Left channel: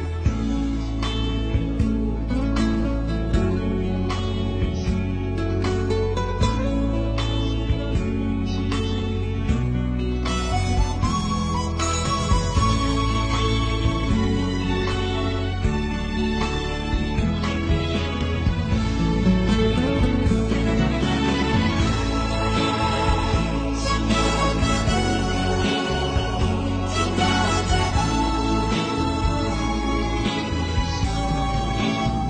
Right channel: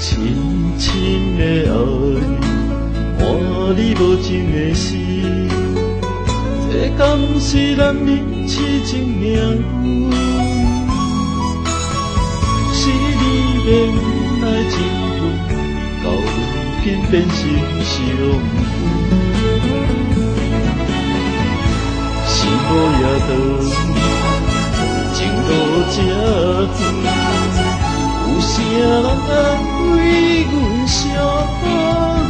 深深的爱，换你无情的死，这敢是男人痴情命？是你的不爱一份，到如今变成伤痕。是无夜道，情路这远。有啥人安慰阮寂寞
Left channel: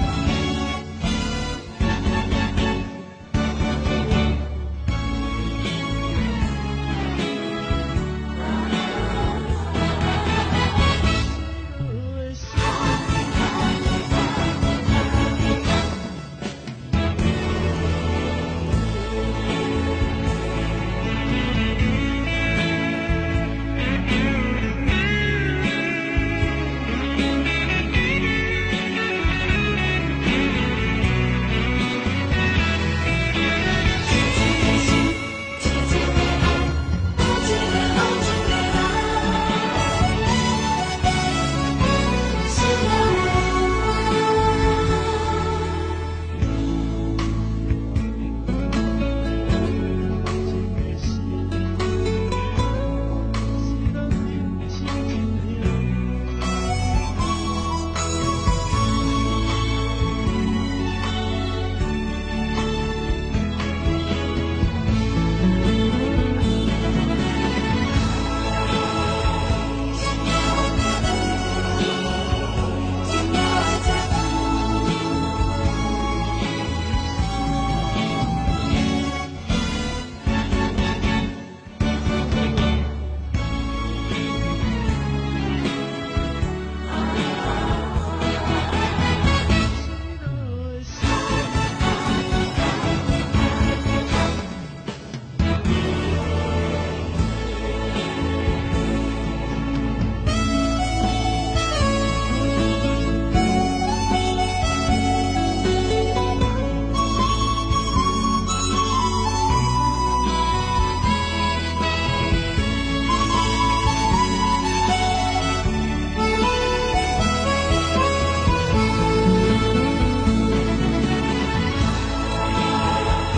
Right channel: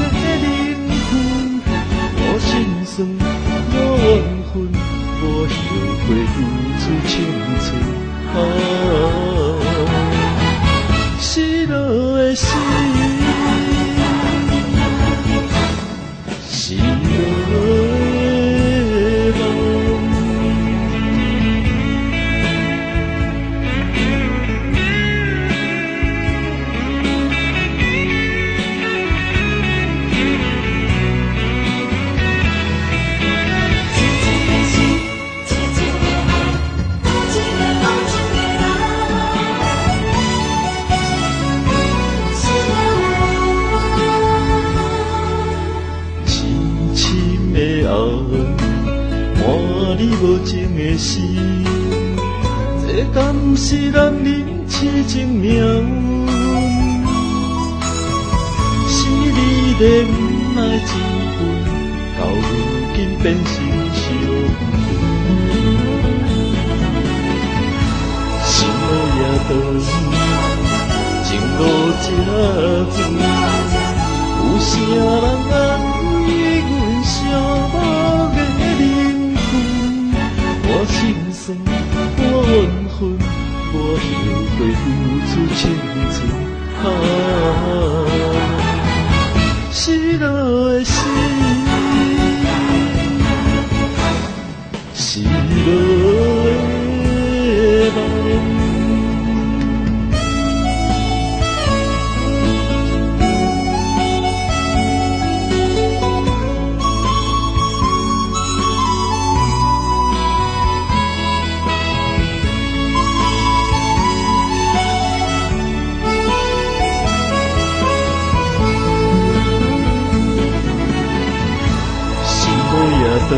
的灵魂？我心酸，我怨恨，我后悔留住青春。失落的心，失落的梦。无情的死，这敢是男人痴情命运？是你的不爱一份，到如今变成伤痕。是无夜道，情路这远，有啥人安慰阮寂寞的灵魂？我心酸，我怨恨，我后悔付出青春。失落的心，失落的梦。是无夜道。